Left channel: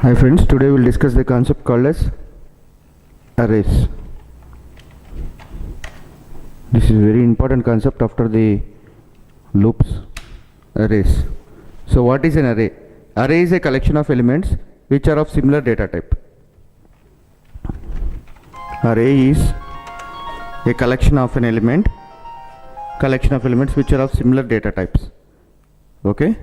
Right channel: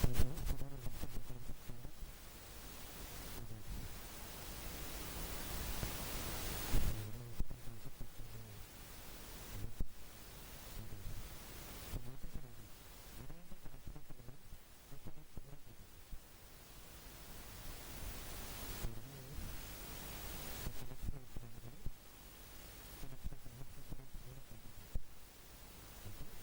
Hi friends, today we'll discuss the concept called as arrays. This is a very important concept after the loops, arrays. So what is an array? Array is a collection of elements which are of similar data type. Array is a collection of elements which are of similar data types. Okay?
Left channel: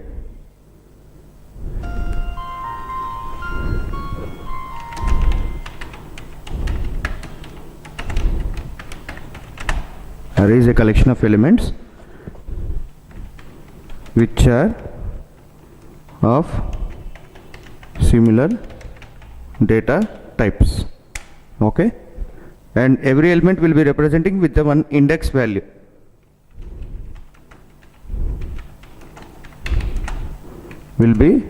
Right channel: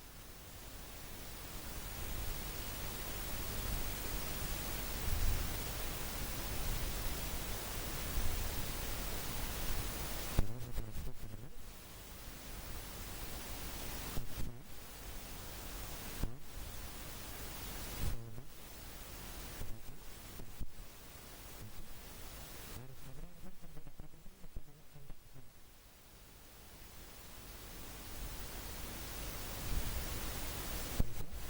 Array is a collection of elements which are of similar data types. Okay, and every element will be representing with the one index value. Will be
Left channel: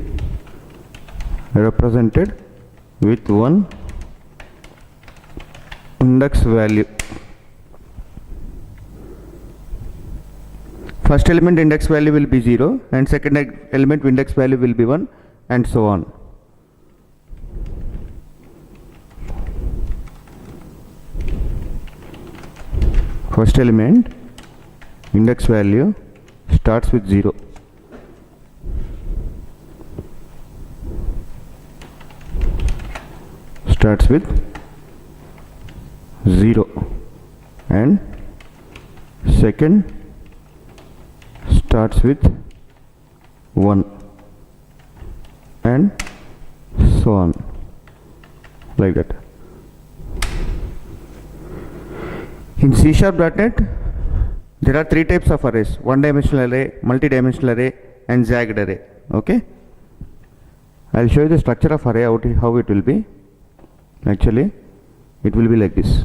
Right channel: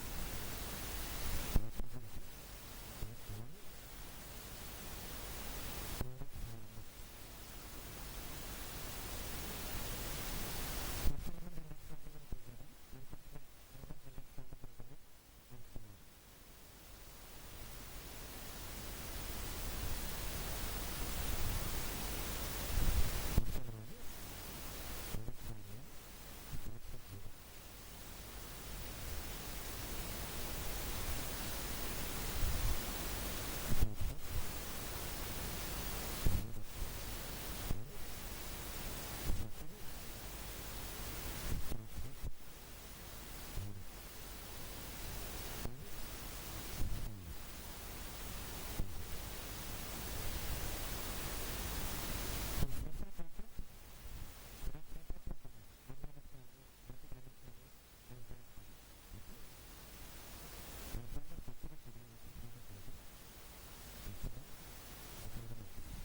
represented with one index value. First element index value will be 0 and second element index value will be 1 and so on. First element index value starts with 0. Starts with 0 and second starts with 1 and so on, like that. In C#.NET there are three types of arrays: one-dimensional array, multi-dimensional array and zagged array. Okay, I'll show you the structure of array, how it will be. Actually it will be like this.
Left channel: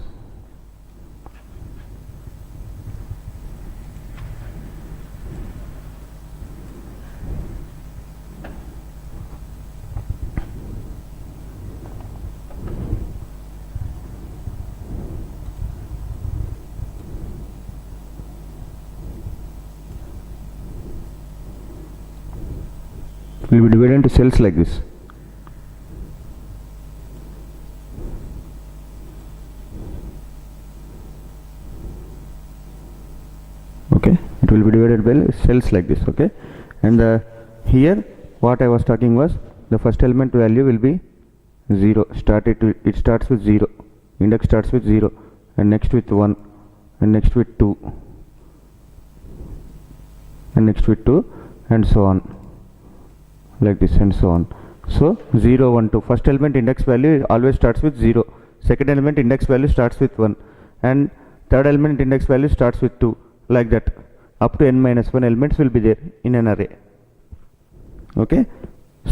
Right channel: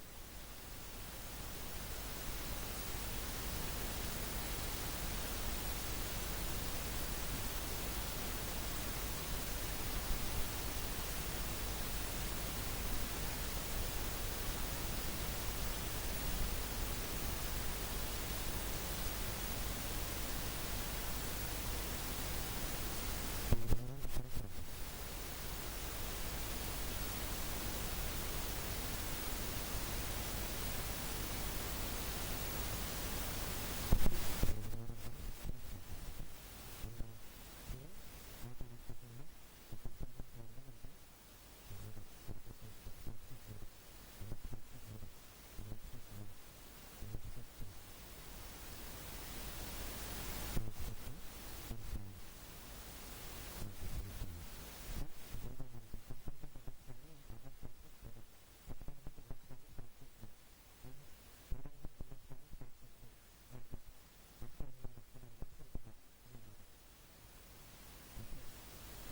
Will be divided into cells like this. Okay, it will be divided by cells like this. Okay, and here what I was talking was the first element value will be 0. It starts with 0. Index starts with 0 and next with 1 and next with 2 and next with 2 and so on, like this and so on. So 0, 1, 2. First element index value always starts with 0. Second element index value starts with 1 and third element index value starts with 2, like that. Up to n-1 elements will be there in an array. Okay,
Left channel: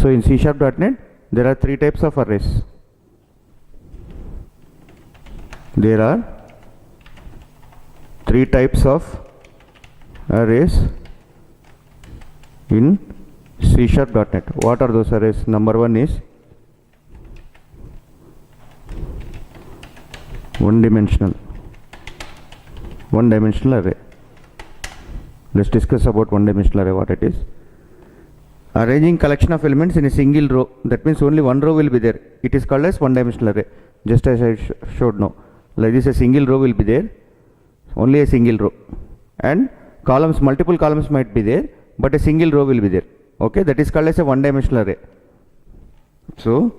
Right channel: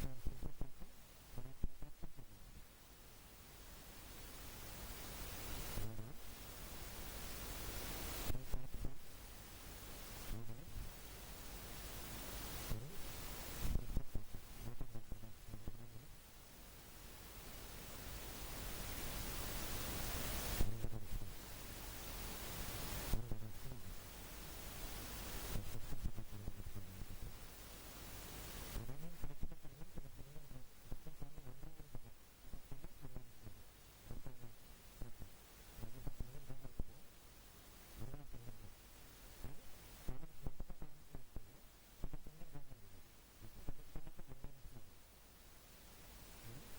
so in C#.NET there are three types of arrays. There are three types of arrays in C#.NET. What are those arrays? Number one is one-dimensional array. Let's discuss about one-dimensional array, what it is. Arranging collection of elements in a single row. That means only one row will be there. It is called as one-dimensional array, just as I showed now. Like this, a single row will be there, only a single row, and columns, multiple columns might be there, but a single row will be there. Okay, that is called as a one-dimensional array. So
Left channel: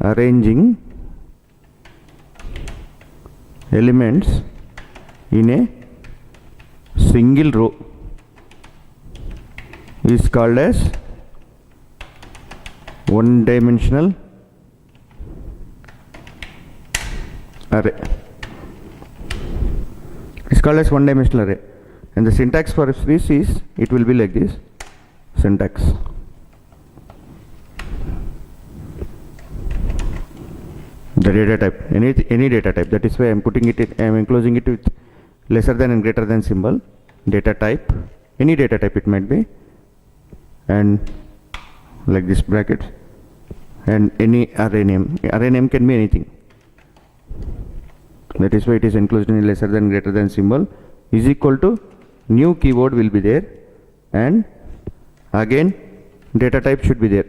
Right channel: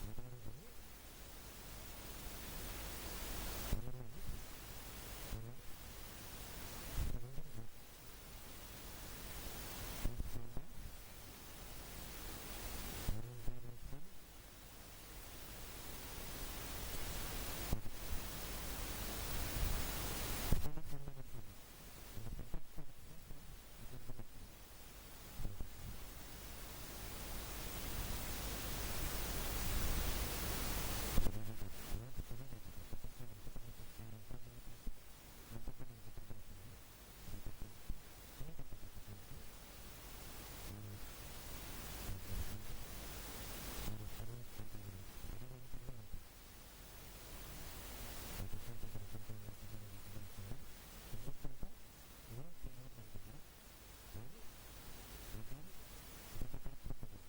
arranging elements in a single row is called as one-dimensional array. It's called as one-dimensional array, and the syntax for this is, it will be like this. Syntax: the data type, any data type. That is why I am enclosing it with lesser than and greater than symbol. Data type, any data type it might be, and like this bracket, and any array name. Array name can be anything. That is why it is enclosed in lesser than greater than symbol, is equal to new keyword will be there, and again data type should be there.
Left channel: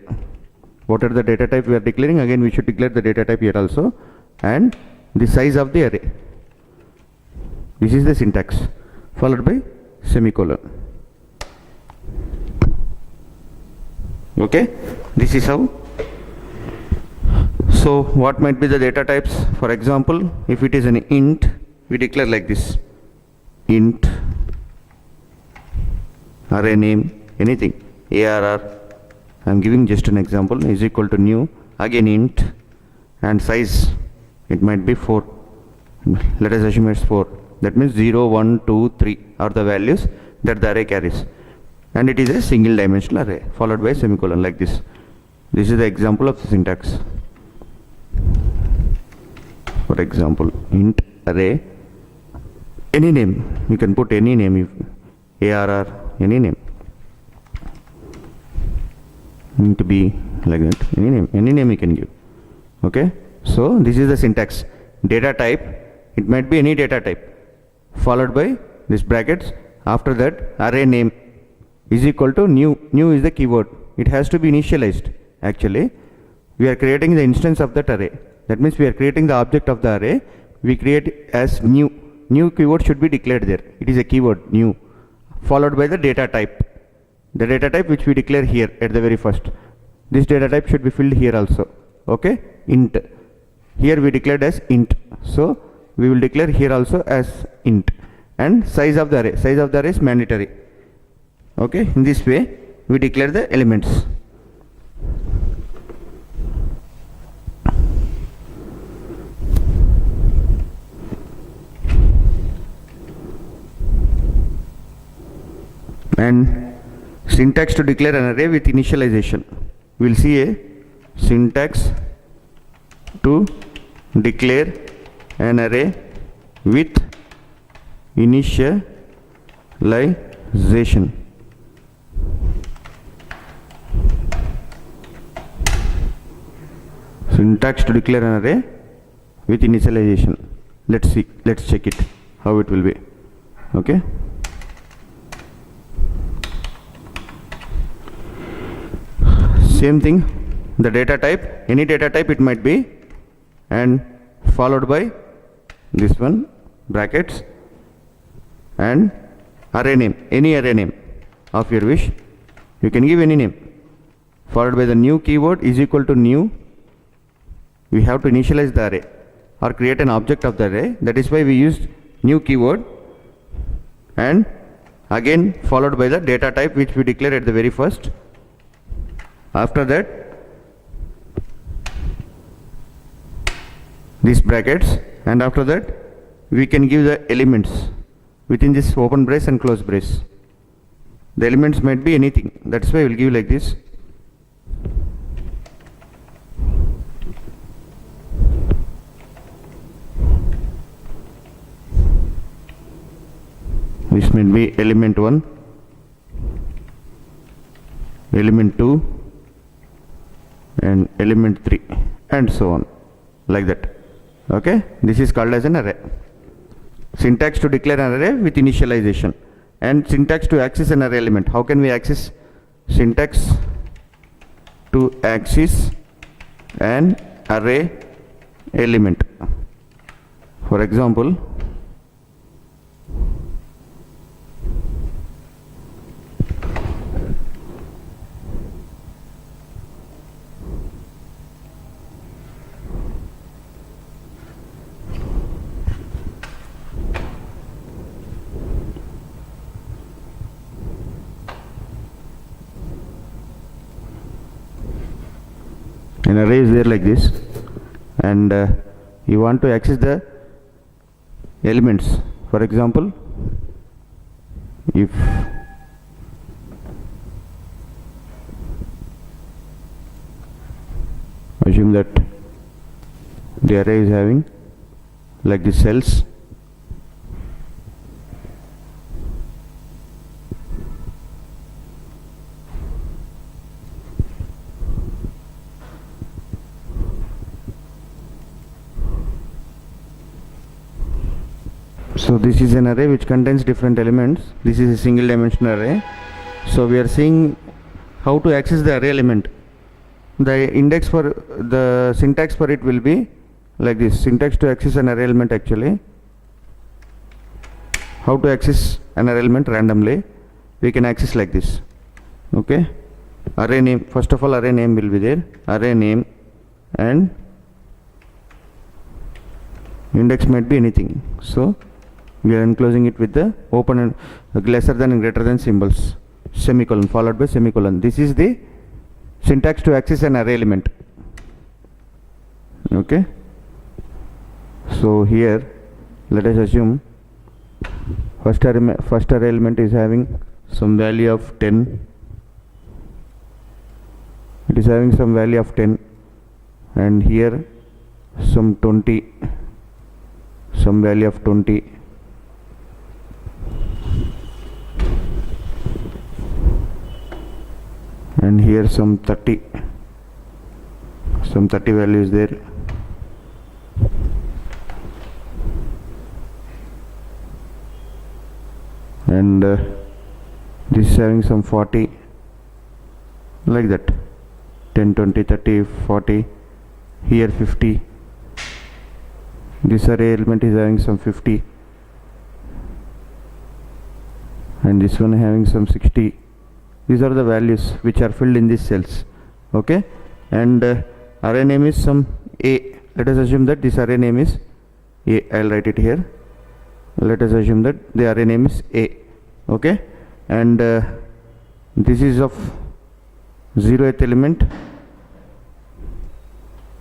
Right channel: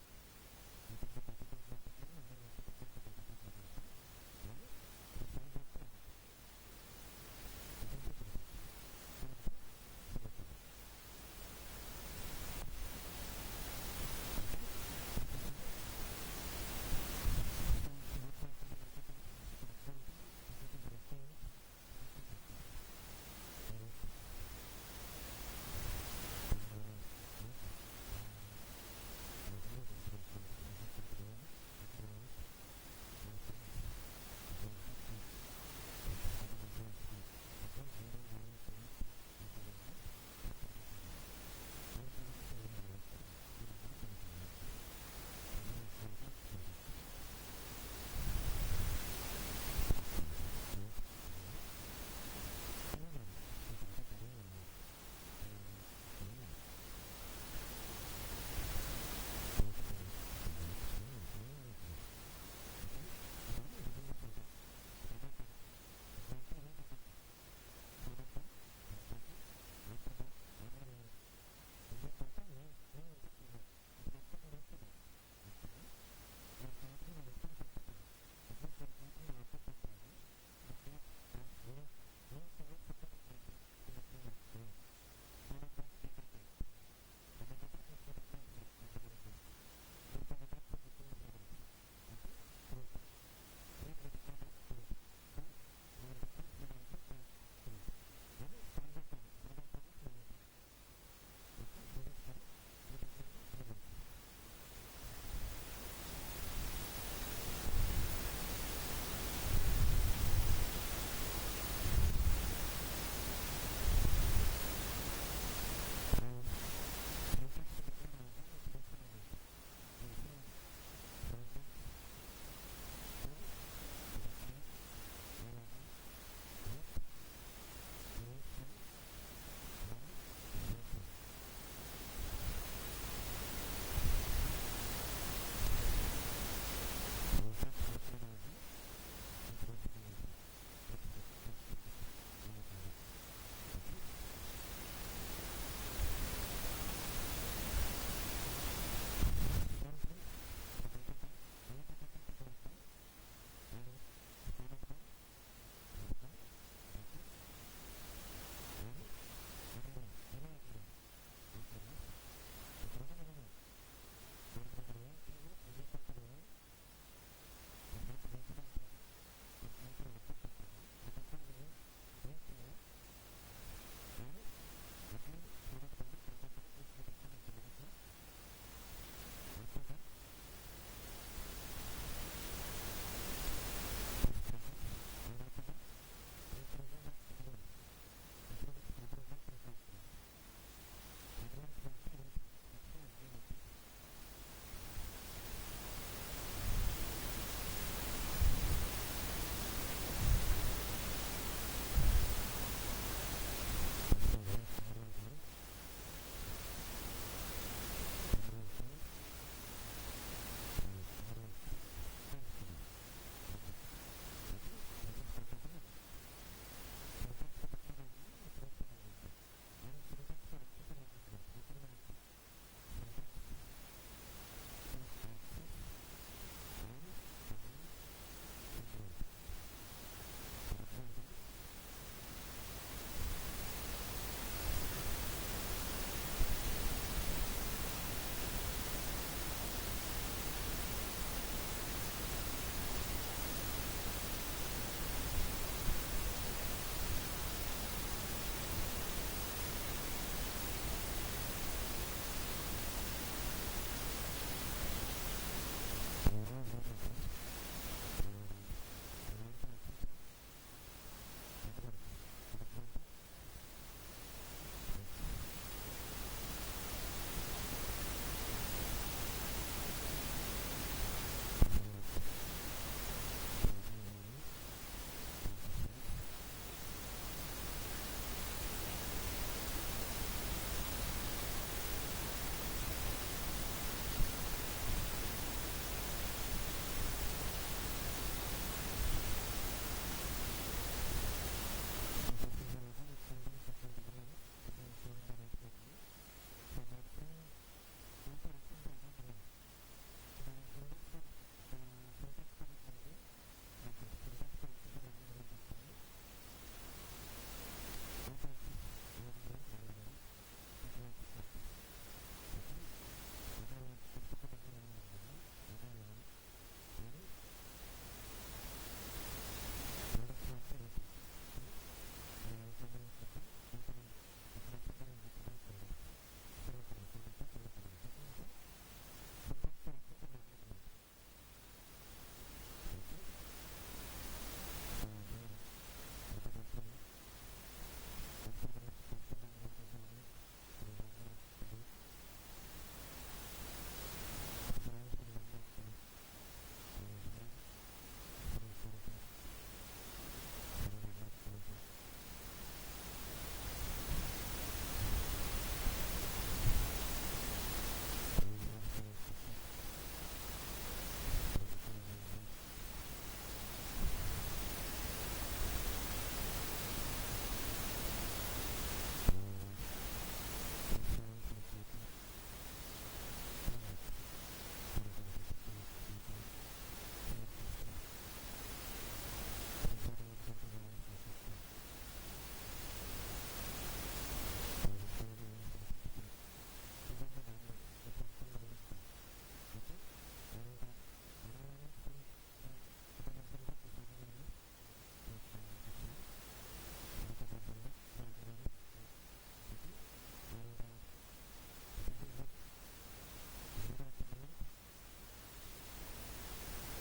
What are the data type we are declaring? Again, we should declare the data type here also, and the size of the array. This is the syntax, followed by semicolon. Okay, this is how. So what might be the data types? For example, if it is an int, we declare like this: int array name, anything, arr, I am giving just an example, is equal to new, again int, and size, it might be 4. Let us assume it's 4. That means 0, 1, 2, 3 are the values that the array carries. And it is a single dimensional array, followed by a semicolon like this. This is the example of the syntax. For example, int array, any name, you can put any name, arr, any name. Int b, like that, any name you can give. Okay, so this is the syntax. Data type, it might be any data type, followed by this brackets. After that, array name is equal to new. New is the keyword, it has to be initialized. Actually, we are creating the instance of that array. That means we are creating the object of the array. We create as new. New keyword should be declared there. It is a keyword new, followed by the data type. The data type which we declare here at the very first. This data type should be filled here also. Okay, int. Here we declared as int. So we will declare here also as int. And size of the array. Size of the array is mandatory. Okay, in this way we declare the elements. And syntax to declare an array with initialization. We will see a syntax to declare an array with initialization. Syntax to declare an array with initialization. Let's see, let's check it, how it will be. Okay. Same thing, the data type, any data type it might be, and followed by this one, brackets, and array name, any array name of your wish. You can give any name, followed by the new keyword is equal to new. We have to initialize the array or create an object of the array. That is why we used new keyword, and again followed by the data type which we declare at the very first. After that, these brackets, and after that we can give the elements within this open brace and close brace. The elements might be anything. That's why we will give like this. This might be element 1, element 2, and element 3, and so on, like that. Okay, this is called as an array. Syntax to declare an array with initialization, and syntax to access an array element. How can we access? Syntax to access an array element. For example, an array is there like this, and you want to access the elements. For example, if assume that the array is having like the cells, so this is an array which contains different elements. This is a single dimensional array. So we are seeing how to access the array element. the index for the syntax for it will be like this. Syntax to access an array element, actually how to access an array element randomly, we can access like this. Okay, array name, first of all array name will be there, array name, and index might be anything. So we are enclosing it with the open and lesser than and greater than symbols, semicolon followed by semicolon. This is the syntax to access an array element. Okay, so here let us assume first array element is having some value of 10. It is having some value of 10, and here some 20, some value of 20, and here some 30, some 30 value is there, and this is having some 40, like that, 10, 20, 30, 40, here 50, this array element is having some 50, and this one having some 60. These are the values which are filled in these cells. Okay, and array name is some A. Let us assume that this array name is A. I'll write it here. Let us assume that the array name is A. Okay, and this is of 0th element,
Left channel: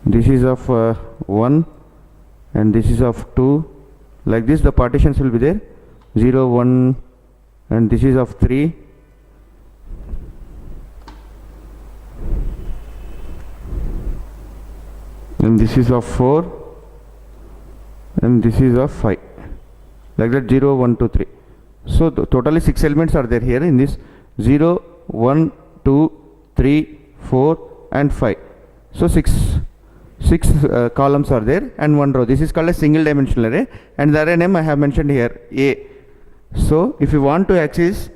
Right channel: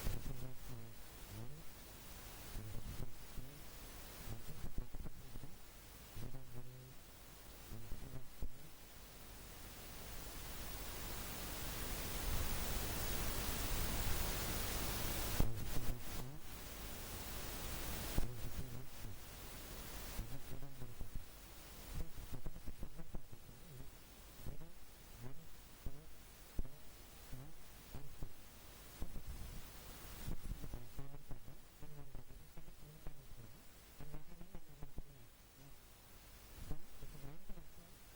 this is of 1, and this is of 2. Like this the partitions will be there, 0, 1, and this is of 3, and this is of 4, and this is of 5, like that, 0, 1, 2, 3. So totally 6 elements are there here in this, 0, 1, 2, 3, 4, and 5. So six columns are there and 1 row. This is called a single dimensional array, and the array name I have mentioned here, A. So if you want to access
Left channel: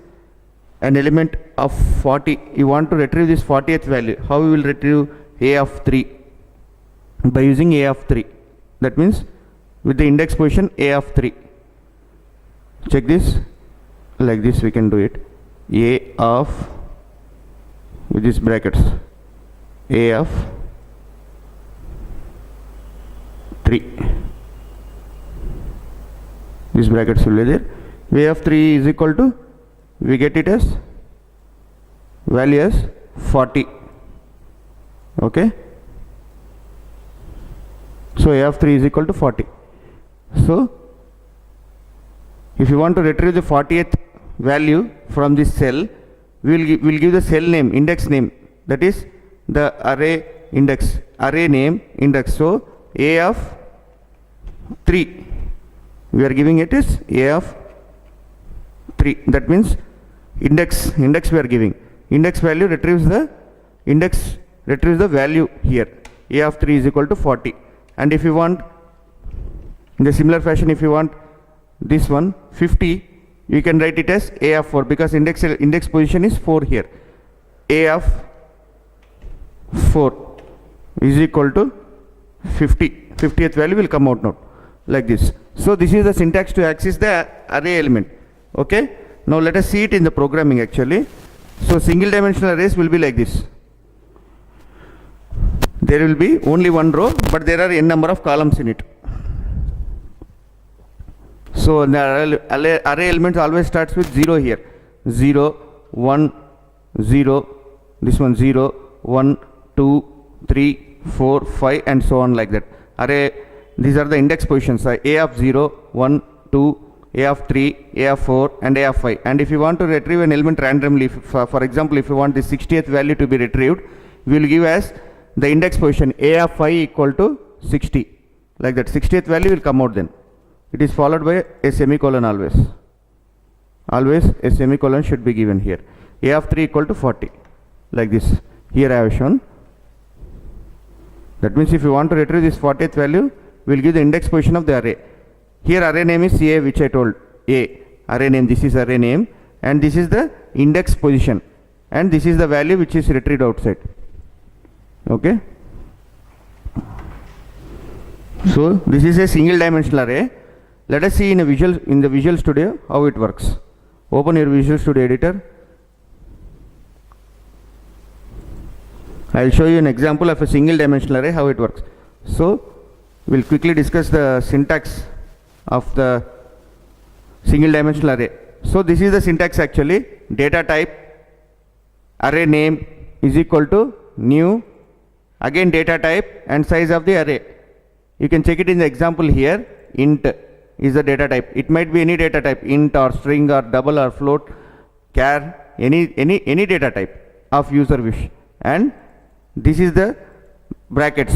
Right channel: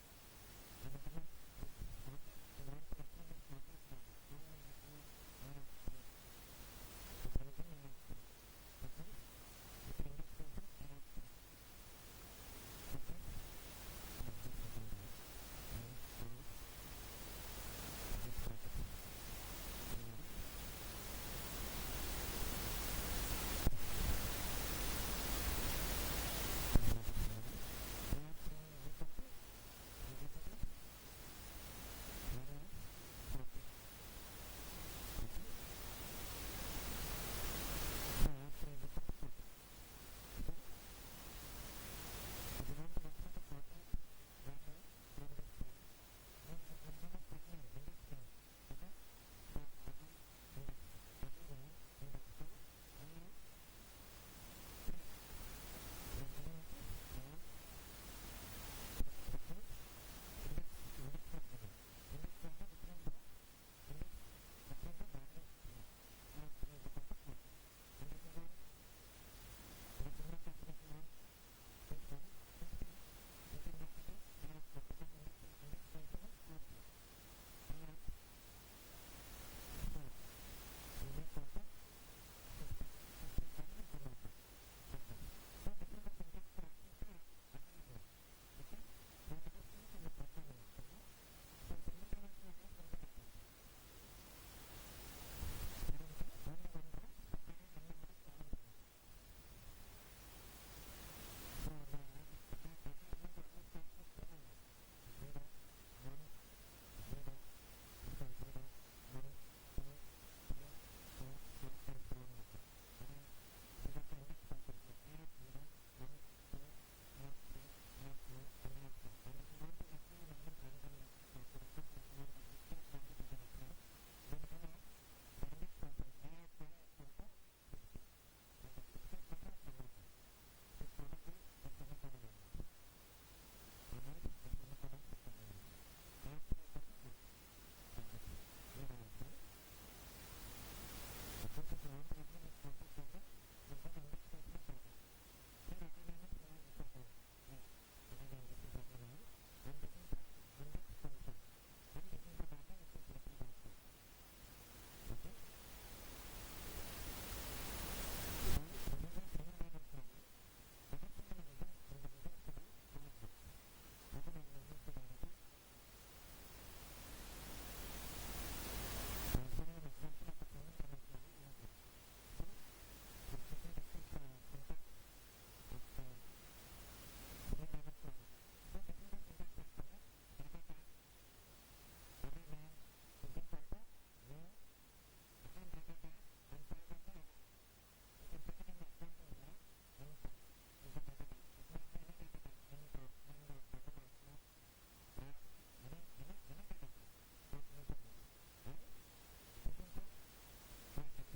an element of 40, you want to retrieve this 40th value, how we will retrieve A of 3? By using A of 3. That means with the index position A of 3. Check this, like this we can do it, A of, with these brackets, A of 3. These brackets will be there. A of 3 is equal to, we get it as value as 40. Okay, so A of 3 is equal to 40. So if you want to retrieve the 40th value from this cell, we will give the cell name, index name, that is the array index, array name index. So A of 3, we are giving it is A of 3. That means index we are giving, index value retrieves the index, retrieves the value here, A of 3 is equal to 40. And if you want, in the similar fashion, if you want this one 50, you can write it as A of 4, because index position is 4 here. A of 4 is equal to 50. 50th value will come out now, like this. So this is the syntax to access the array element. Okay, now let us see it in the programming actually. So single dimensional arrays will be like this. There will be only one row, but there are n number of columns in it. So the array element always starts with 0 here, 0, 1, 0, this one 0, 1, 2, 3, 4, 5, and so on, like that. Array, these are the index positions, A of 0, 1, 2, A of 3, A of 4, and A of 5. And if you want to retrieve an element randomly, for example, if you want the 60th value to be retrieved, we will give as the index position A of 5 equal to 60, like that. 60th value will come out then. It is followed by a semicolon always. Always a semicolon should be given here. A of 3 equal to 40, like this. Here I have shown. That means if you want to retrieve this 40th value, we will give the index position of the array. Here array name is A, which I told, A. Array name, this is array name, and this is the index position, and this is the value which is retrieved outside. Okay. So this is a single dimensional array. Let us see in the Visual Studio how it works. Open your Visual Studio editor. I will show you an example of a single dimensional array, how it works. So we'll quickly discuss the syntax of the single dimensional array. So this is the syntax actually. Data type array name is equal to new, again data type and size of the array. You can check it in the example here. Int is the data type. It might be any data type, int or string or double or float, char, any data type of user wish. And this is the brackets.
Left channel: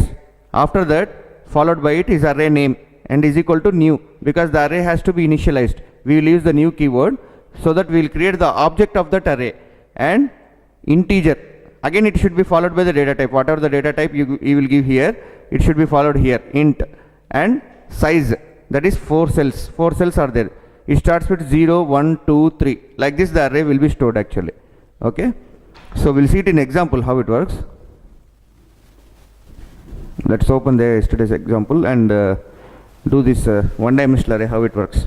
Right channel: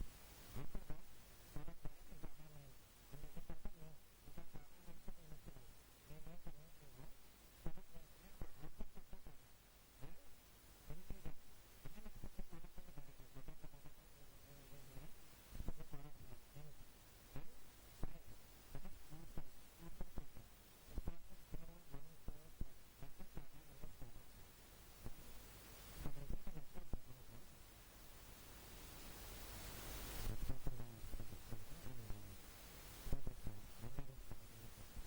After that, followed by it is array name and is equal to new, because the array has to be initialized. We will use the new keyword so that we will create the object of that array. And integer, again it should be followed by the data type. Whatever the data type you will give here, it should be followed here, int. And size, that is 4 cells. 4 cells are there. It starts with 0, 1, 2, 3. Like this the array will be stored actually. Okay. So we'll see it in example how it works. Let's open the yesterday's example and do this one dimensional array, how it works.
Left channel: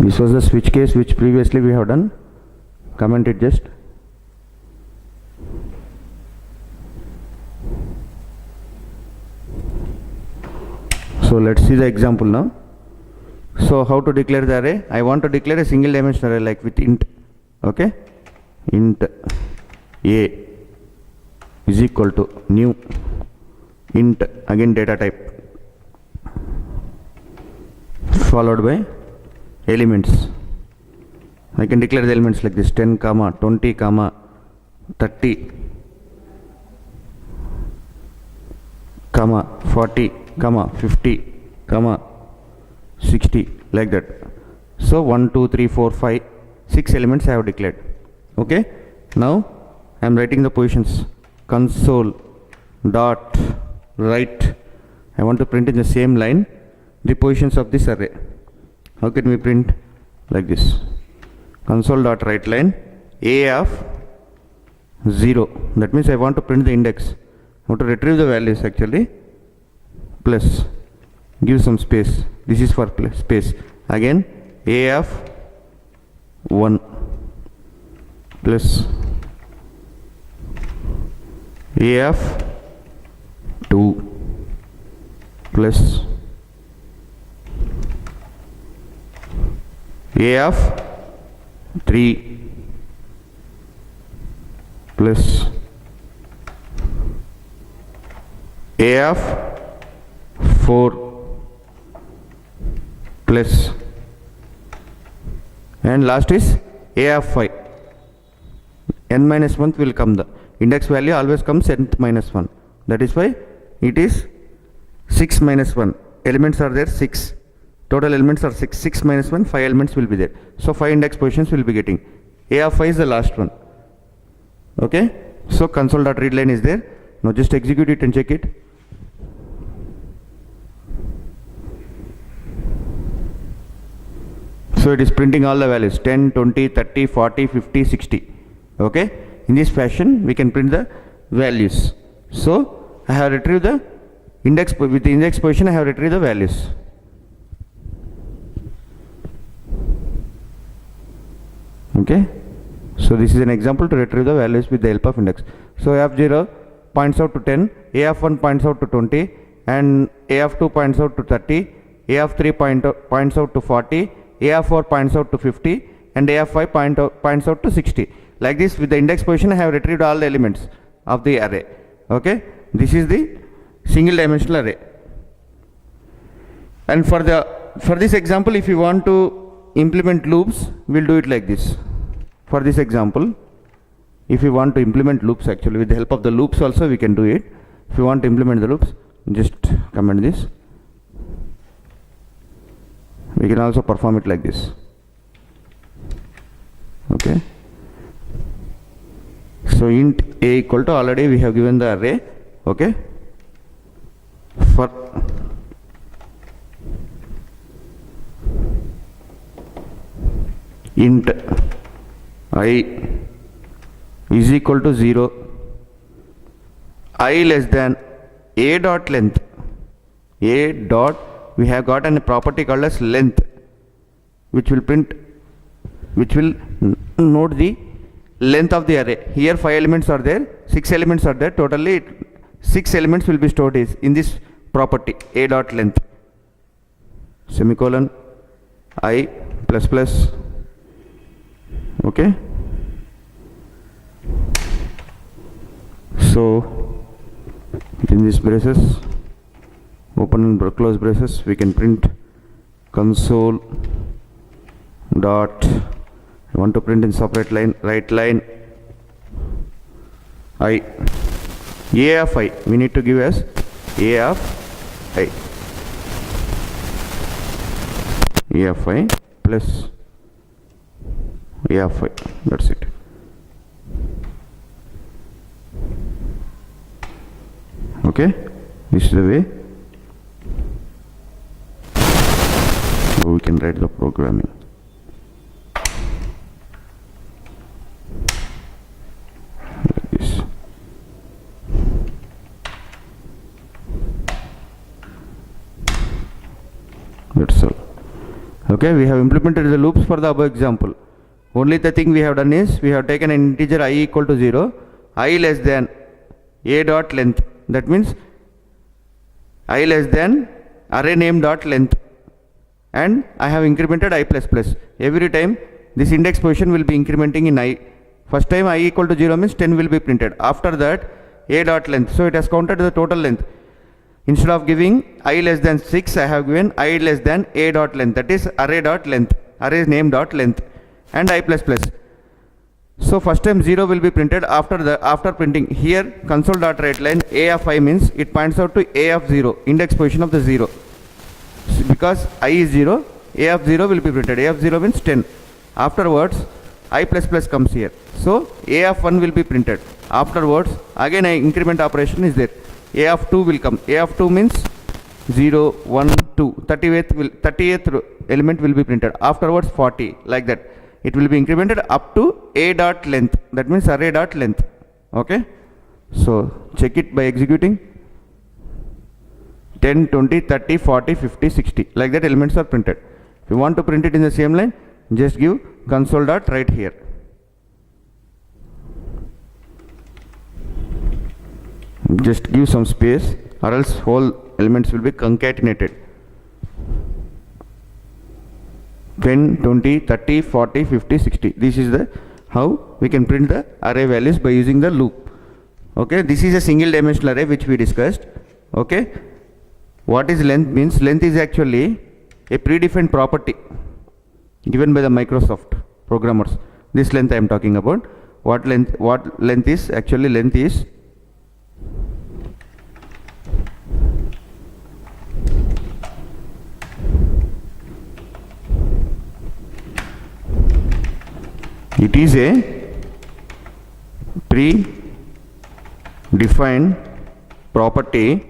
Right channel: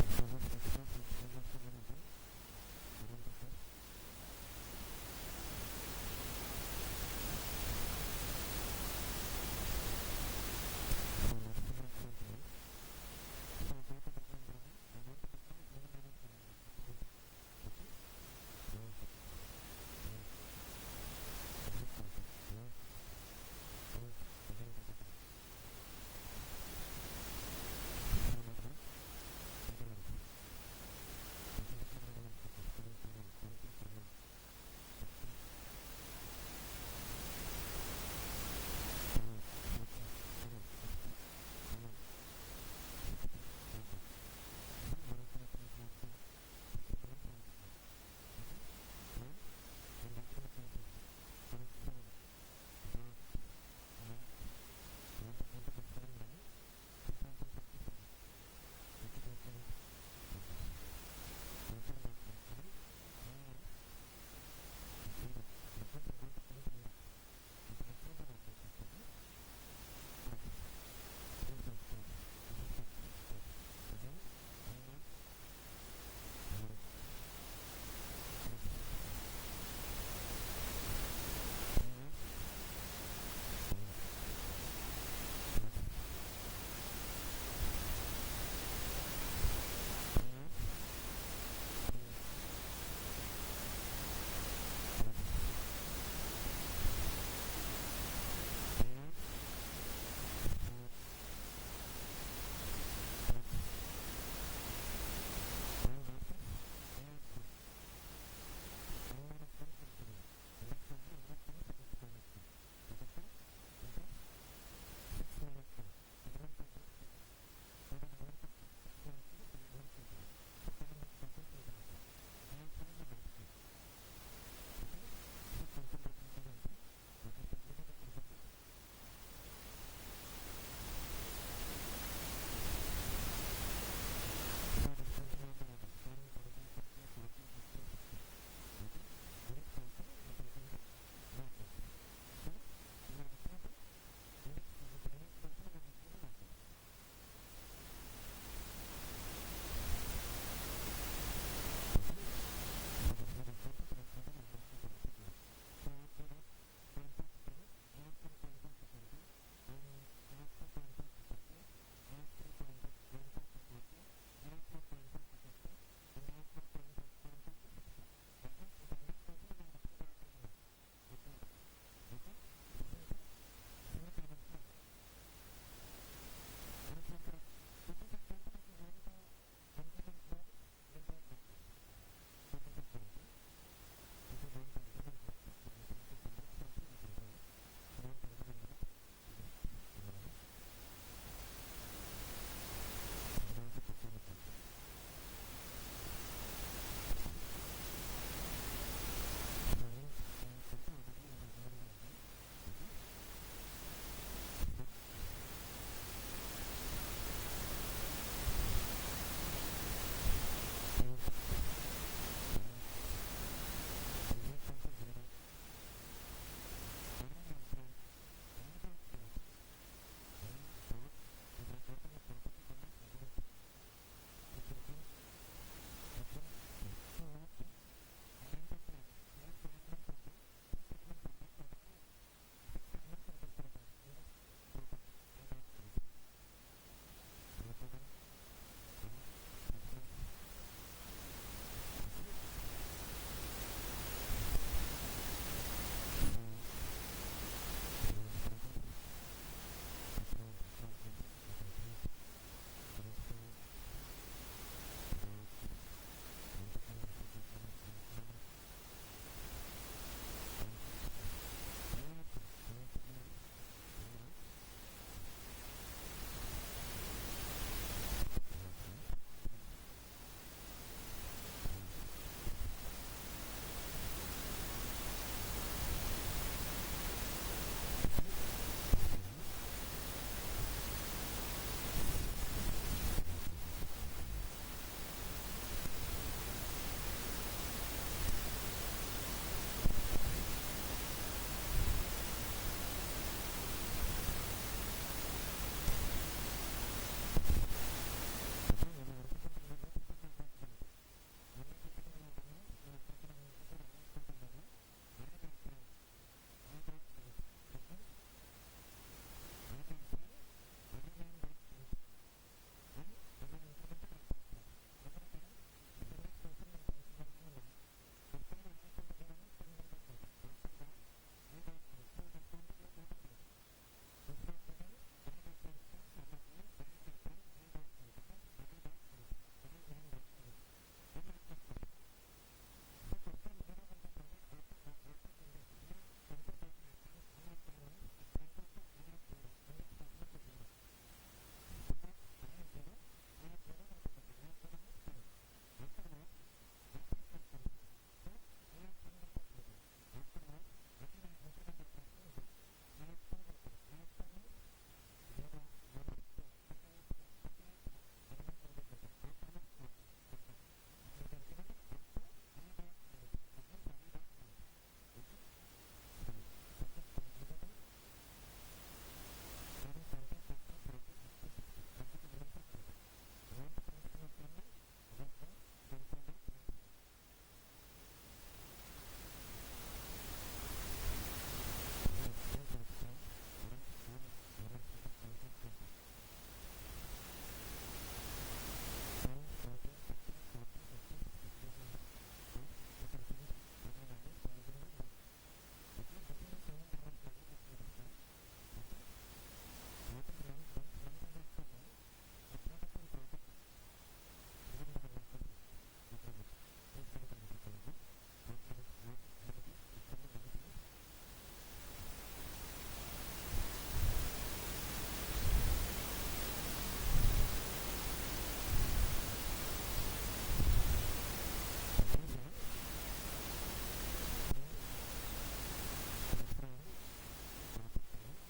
This was the switch case which previously we have done. Comment it just. So let's see the example now. So how to declare the array? I want to declare a single dimensional array like with int. Okay. Int a is equal to new, int again data type followed by elements. I can declare the elements like this: 10, 20, 30, 40, 50, 60, like that. So 1, 2, 3, 4, 5, 6 elements I have declared. Okay. Now I am writing the positions. Console dot write. I want to print in the same line the positions of this array. How can we print? Like this. Console dot write line a of 0. That means I want to print the index. I want to retrieve the values actually. Plus, give some space. This is for space. Again a of 1 plus a of 2 plus a of 3 plus a of 4 plus, and last is a of 5. n minus 1 will come. The index value always comes nth minus 1. That is why it is 6 minus 1. Elements are there 6. Total elements are 6. 6 minus 1, 5 elements will be there. So 5 index positions will be getting. A of 5 is the last one. Okay. So console.readline is there. Now just execute it and check it. So it is printing all the values: 10, 20, 30, 40, 50, 60. Okay. In this fashion we can print the values. So I have retrieved the index, with the index position I have retrieved the values. Okay. So this is an example to retrieve the values with the help of index. So a of 0 points out to 10, a of 1 points out to 20, and a of 2 points out to 30, a of 3 points out to 40, a of 4 points out to 50, and a of 5 points out to 60. Like this, with the index position I have retrieved all the elements of the array. Okay. This is the single dimensional array. And for this example, if you want to implement loops, we'll do it like this. For this example, if you want to implement loops, actually with the help of the loops also we can do it. If you want to implement the loops, just comment this. We can also perform it like this. Okay. So int a equal to, already we have given the array. Okay. for int I is equal to 0, I less than a dot length, a dot, we have got a property called as length, which will note the length of the array. Here 5 elements are there, 6 elements are there, totally 6 elements will be stored in this property a dot length, semicolon I plus plus, okay. So in these braces, open and close braces, we can print console dot, I want to print in separate line, right line I, a of I, we need to give as a of I, a of I plus a of I, that's it. Okay, this is the way we can write the programming. Like this. That's all. Okay, we have implemented the loops for the above example. Only the thing we have done is we have taken an integer I equal to 0, I less than a dot length. That means I less than array name dot length, and I have incremented I plus plus. Every time this index position will be incrementing in I. First time I equal to 0 means 10 will be printed. After that a dot length. So it has counted the total length. Instead of giving I less than 6, I have given I less than a dot length. That is array dot length, array name dot length, and I plus plus. So first time 0 will be printed. After printing here console dot write line a of I means it points out to a of 0, index position of the 0. So because I is 0, a of 0 will be printed. A of 0 means 10. Afterwards I plus plus comes here. So a of 1 will be printed. Afterwards again I increment operation is there. A of 2 will come. A of 2 means 0, 1, 2. 30th element will be printed. Afterwards 40, like that. It will be incremented up to a dot length, that means array dot length. Okay, so check it by executing 10, 20, 30, 40, 50, 60, like that elements are printed. If you want to print it in the same line, just give console dot write here. Just give some space or else whole elements will be concatenated. 10, 20, 30, 40, 50, 60. This is the how we can print the array values by using the loop. Okay, this is a single dimensional array which we discussed. Okay, what is length means? Length is actually a predefined property given by the Microsoft programmers. This length I am talking about. What length is? Actually length is it is a predefined property,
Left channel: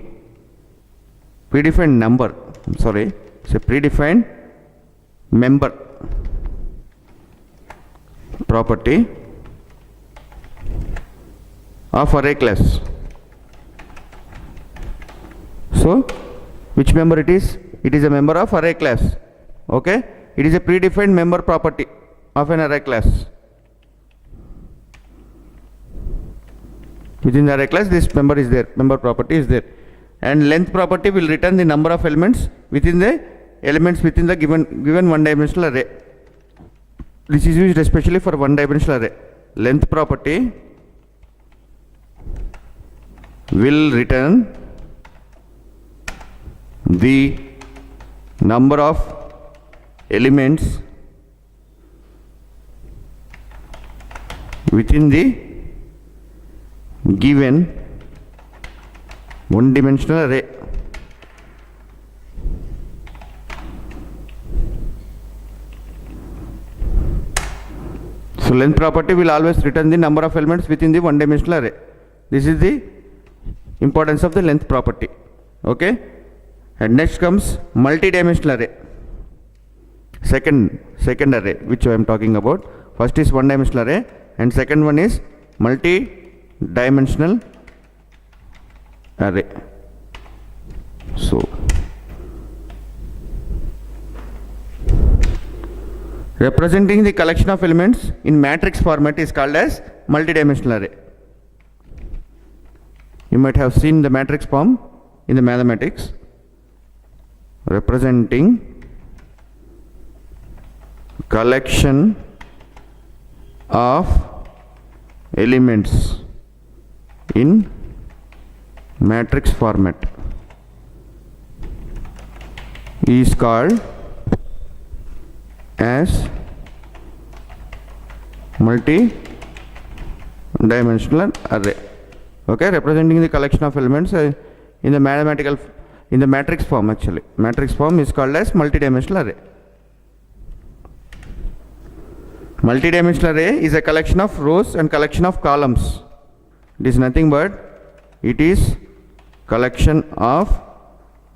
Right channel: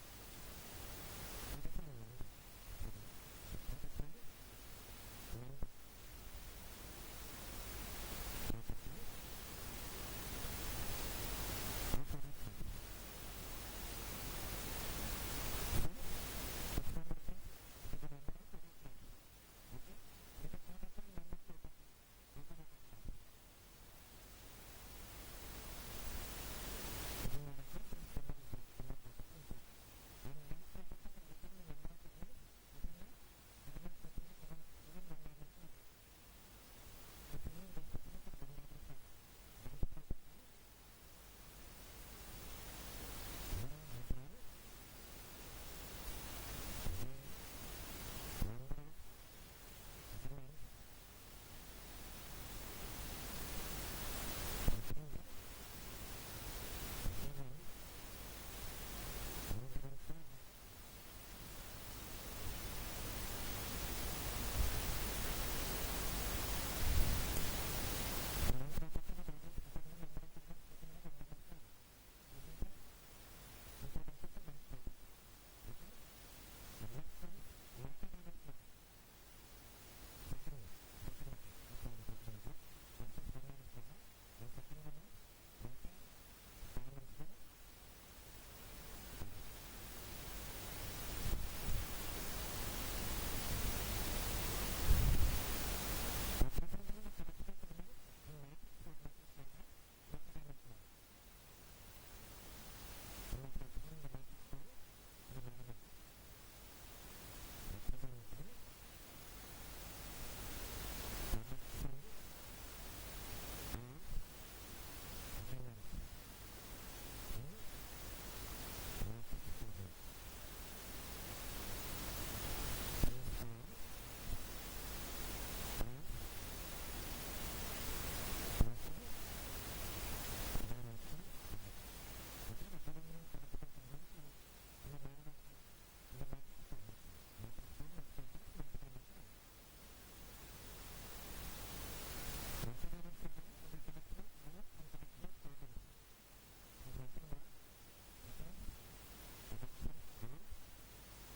predefined number, I'm sorry, it's a predefined member property of array class. So which member it is? It is a member of array class. Okay, it is a predefined member property of an array class. Within the array class this member is there, member property is there, and length property will return the number of elements within the given one dimensional array. This is used especially for one dimensional array. Length property will return the number of elements within the given one dimensional array. So length property will always return the number of elements within the one dimensional array. This is the importance of the length property. Okay, and next comes multi-dimensional array. Second array which I am talking about. First is one dimensional array and second one is multi-dimensional array. So representing the collection of elements in matrix format is called as multi-dimensional array. You might have seen the matrix form in the mathematics. Representing collection of elements in matrix format is called as multi-dimensional array. Okay, representing the collection of elements in the matrix form. Actually, matrix form is called as multi-dimensional array. Multi-dimensional array is a collection of rows and collection of columns. It is nothing but it is collection of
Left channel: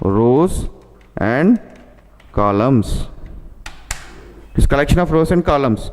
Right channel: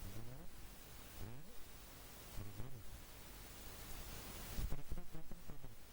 rows and columns. It is collection of rows and columns.